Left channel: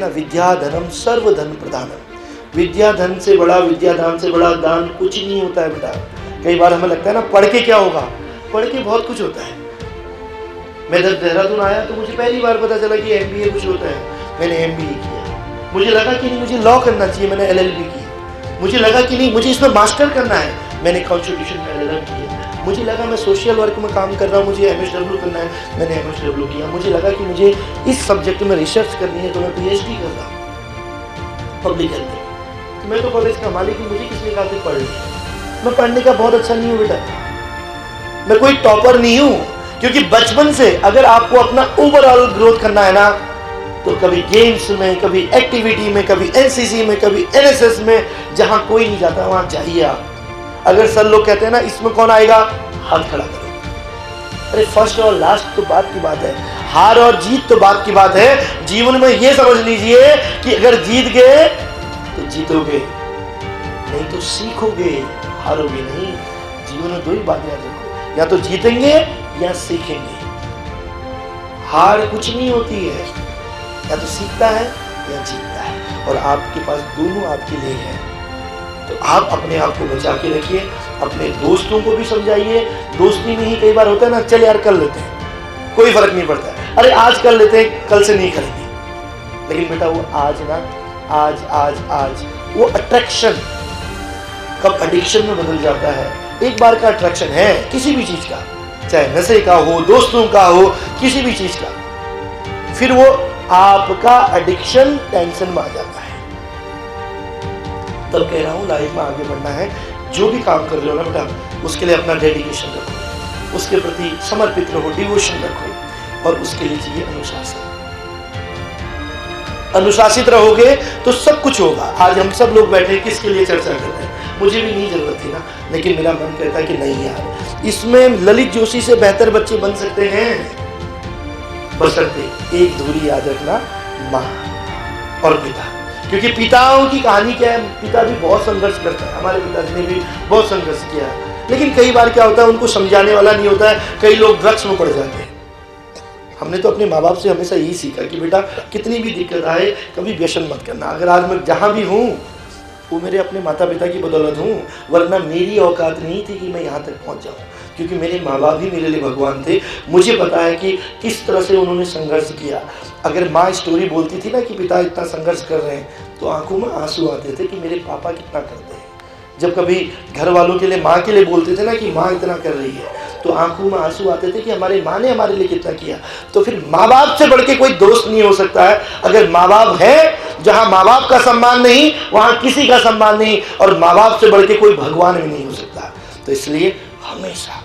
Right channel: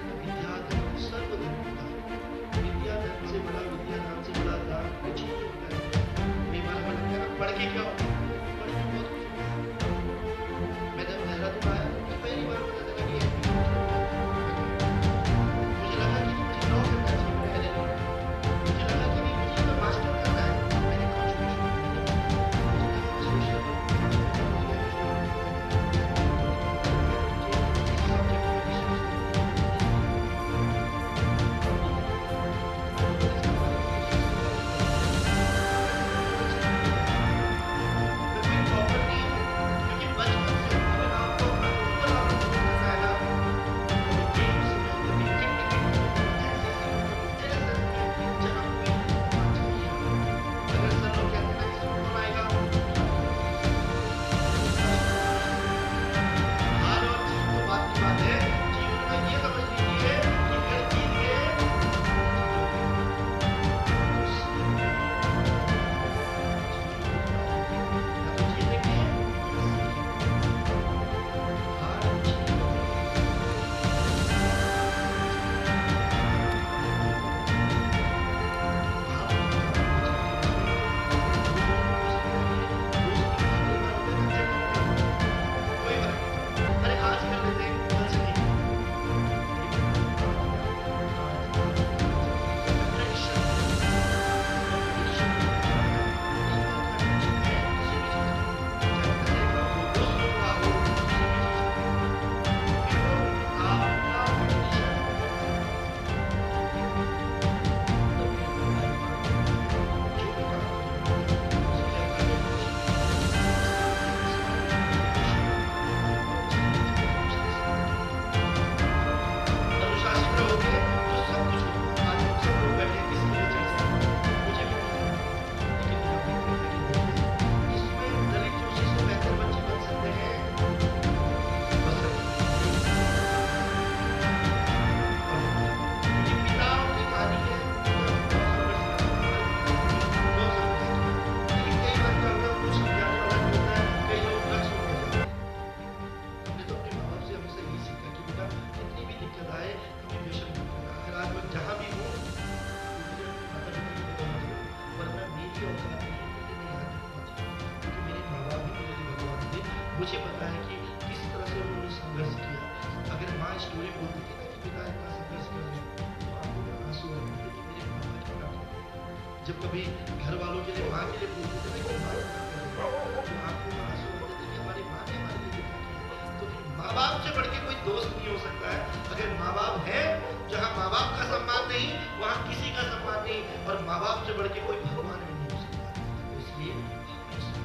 ना, विद्या धनम सर्व धन प्रधानम। विद्या धन से बड़ा, विद्या दान से बड़ा दान कुछ नहीं होता है बेटा। कई बार हमें लगता है ना पढ़ के क्या होगा, पढ़ के बहुत कुछ होता है। मैं जब देहरादून आया तो मुझे पहली बार पता चला कि MBA कुछ होता है। मैंने MBA किया। मुझे लगा कि नहीं मुझे लॉ करना चाहिए, मैंने LLB की। मुझे लगा कि नहीं मुझे इसमें मास्टर करना है, मैंने कॉन्स्टिट्यूशन में LLM किया। मुझे लगा मैं सोशल वर्क में काम कर रहा हूँ, मुझे MSW करना है, मैंने MSW किया। मुझे लगा कि मुझे इस सब्जेक्ट में रिसर्च करनी है तो मैं PhD कर रहा हूँ पब्लिक हेल्थ। मैं तो कॉलेज का मालिक हूँ, मुझे किसने कहा कि पढ़। मैं पढ़ने का बहुत अच्छा नहीं हूँ बेटा, मैं कोई टॉपर नहीं हूँ। क्योंकि बचपन से अगर आपको अपना ओवरऑल ग्रोथ करना है ना, तो कभी गेम्स में, कभी एक्टिविटी में, कभी NCC में, कभी NSS में, जहां कोई नहीं जाता वहां चाहिए आप। अगर सर लोग कहते हैं ना इसमें कौन आएगा, हाथ खड़ा करो। अरे फर्स्ट और लास्ट तो बात की बात है, हार और जीत तो बात की बात है। जीवन में ये समझ लीजिए कि अगर जीत गए तो जीतोगे, नहीं तो सीखोगे, हारोगे नहीं। जीवन में दो ही बात याद रखो, या तो जीतेंगे या सीखेंगे। हार कुछ नहीं होती है, या तो सीखता है या जीतता है, और आपके पास दोनों आपके लिए है। तो आप अपने आप को बचा के रखिए, अपने दोस्तों को भी समझाइए। दोस्ती में ही कई बार होता है ना, चल यार कर लेते हैं, कोई फर्क नहीं पड़ता है, अरे आज कर लेते हैं, कल से नहीं करेंगे। लेकिन बेटा वो आज ना, आज आज आज वो अट्रैक्शन कब एडिक्शन में बदल जाता है। एक बार का अट्रैक्शन है किसी भी चीज का, चाहे नशे का हो, दोस्तों का हो, किसी भी चीज का, फिर वो आपका एडिक्शन टेंशन में आ जाता है। तब कह रहा हूं लाइफ में आगे बढ़ना है, जो भी काम कर रहे हो ना बेटा, उसके लिए अपना डेडिकेशन रखो, उसके प्रति समर्पित रहो, डिवोशन रखो, और उसके लिए चाहिए अनुशासन। अनुशासित रहोगे तो सब कुछ होगा। आज हम सब लोग बैठे किसके लिए चर्चा कर रहे हैं, मुझे भी नहीं जरूरत थी ना, लेकिन मेरा मन कहता कि नहीं यार, इसमें ललित जोशी से बेहतर बच्चे बन सकते हैं, बशर्ते एक दूरी याद रखना, माँ और पिता। क्योंकि पिताओं की कहानी क्या है, पिता भी बहुत संघर्ष करता है, हमारे पिता ने भी बहुत संघर्ष किया है, लेकिन कई बार क्या होता है उनको समझाने वाला नहीं होता है, कई लोग ड्रग्स में पड़ जाते हैं। हमने तो अपने माँ बाप से हमेशा यही सीखा कि बेटा कितनी भी दिक्कत आए कभी व्यसन मत करना। अगर आज मैं जहाँ भी हूँ वो मेरे अपने माता पिता की बदौलत हूँ, वरना मेरी औकात नहीं थी कि मैं यहाँ तक पहुँच जाऊँ। क्योंकि मेरे माँ बाप ही मेरे लिए भगवान थे। मुझे पता है कि किस तरह से उन्होंने संघर्ष किया। अगर माँ स्टोरी बोलती थी ना कि पिता इतना संघर्ष कर रहे हैं, तो आंखों में आंसू आते थे कि मेरे पापा कितना करते हैं। जब कभी घर वालों के लिए, माँ के लिए बोलते थे ना कि माँ इतना कर रही है, तो आंखों में आंसू आते थे कि हमारे माँ ने हमारे लिए कितना किया। तो फिर माँ बाप से बढ़ के कोई दोस्त नहीं हो सकता है। अगर माँ बाप है, जहाँ माँ बाप का सम्मान नहीं वहाँ किसी का सम्मान नहीं, और माँ बाप से बढ़ के कोई भगवान भी नहीं हो सकता। तो इसलिए हमेशा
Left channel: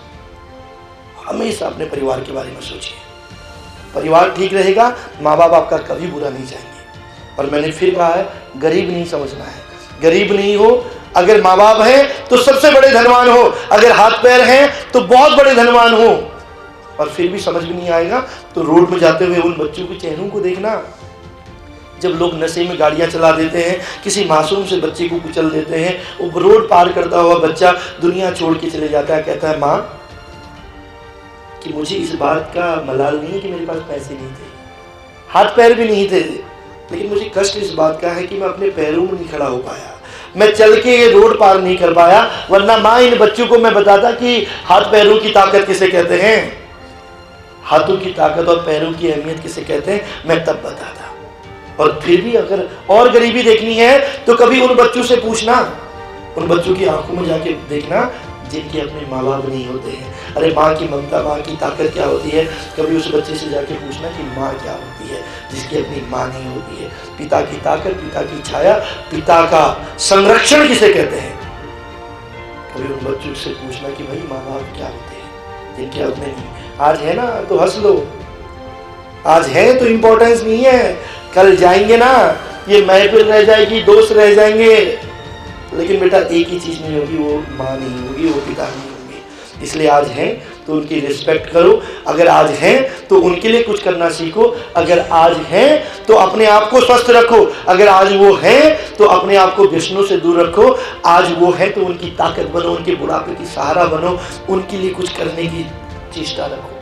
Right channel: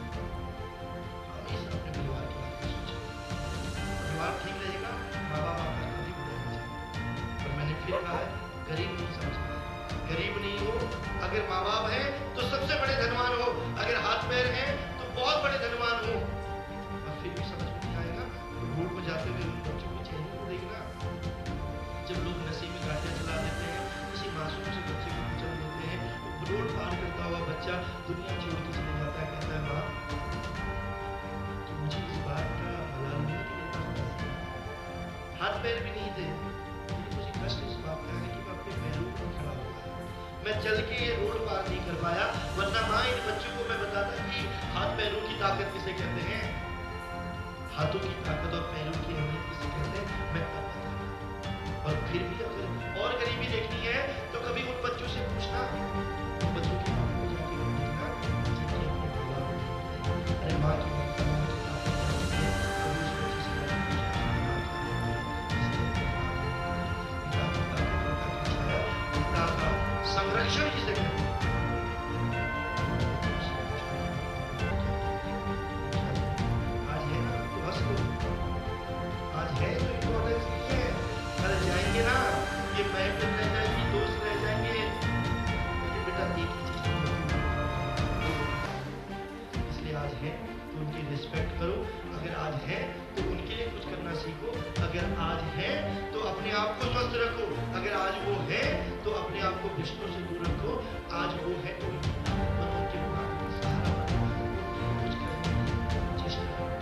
हमेशा अपने परिवार के बारे में सोचिए। परिवार ठीक रहेगा, माँ बाप आपका कभी बुरा नहीं चाहेंगे। और मैंने फिर कहा है, गरीब नहीं समझना है, गरीब नहीं हो। अगर माँ बाप हैं तो सबसे बड़े धनवान हो, अगर हाथ पैर हैं तो बहुत बड़े धनवान हो। और फिर भी समझ में नहीं आएगा तो रोड में जाते हुए उन बच्चों के चेहरों को देखना, जब लोग नशे में गाड़ियां चला देते हैं, किसी मासूम से बच्चे को कुचल देते हैं, वो रोड पार करता हुआ बच्चा दुनिया छोड़ के चले जाता है, कहता है माँ कि मुझे इस बात का मलाल नहीं है कि मेरे पास पैसे नहीं थे, हाथ पैर भी नहीं थे, लेकिन मुझे कष्ट इस बात का है कि मैं अपने पैरों में नहीं खड़ा हो पाया, मैं चल के ये रोड पार नहीं कर पाया। वरना माँ इन बच्चों को मैं बताता कि हाथ पैरों की ताकत किसे कहते हैं, हाथों की ताकत और पैरों की अहमियत किसे कहते हैं, मैं तब बताता। और फिर भी अगर और गरीबी देखनी है तो कभी उन बच्चों से पूछना, उन बच्चों की आंखों में जाके देखना जिनके अपने माँ बाप नहीं होते हैं। अरे माँ की ममता, माँ की ताकत क्या होती है, कभी उस बच्चे से जाके पूछना कि माँ क्या होती है जिसकी अपनी माँ नहीं होती है। पिता की ताकत, पिता की छाया, पिता का संरक्षण किसे कहते हैं, कभी उन बच्चों से पूछना कि भाई माँ बाप क्या होते हैं जिनके अपने नहीं। आज है ना तो हंस लो, आज है तो इम्पोर्टेंस नहीं है, कल जाएंगे ना, ये महफिल रह जाएगी, दोस्त रह जाएंगे, लेकिन बेटा एक ही चीज नहीं होगी, वो माँ नहीं होगी, वो पिता नहीं होगी। इसलिए आज हैं तो उनकी रिस्पेक्ट करो, अगर आज हैं तो उनके लिए कुछ करना सीखो, अगर आज हैं तो अपने आप को स्वस्थ रखो, अगर आज वो हैं तो अपने आप को व्यसनों से दूर रखो, आज वो हैं तो उनकी ताकत बनो, उनके बुढ़ापे की सहारा बनो, उनके लिए कुछ करने की चेष्टा रखो।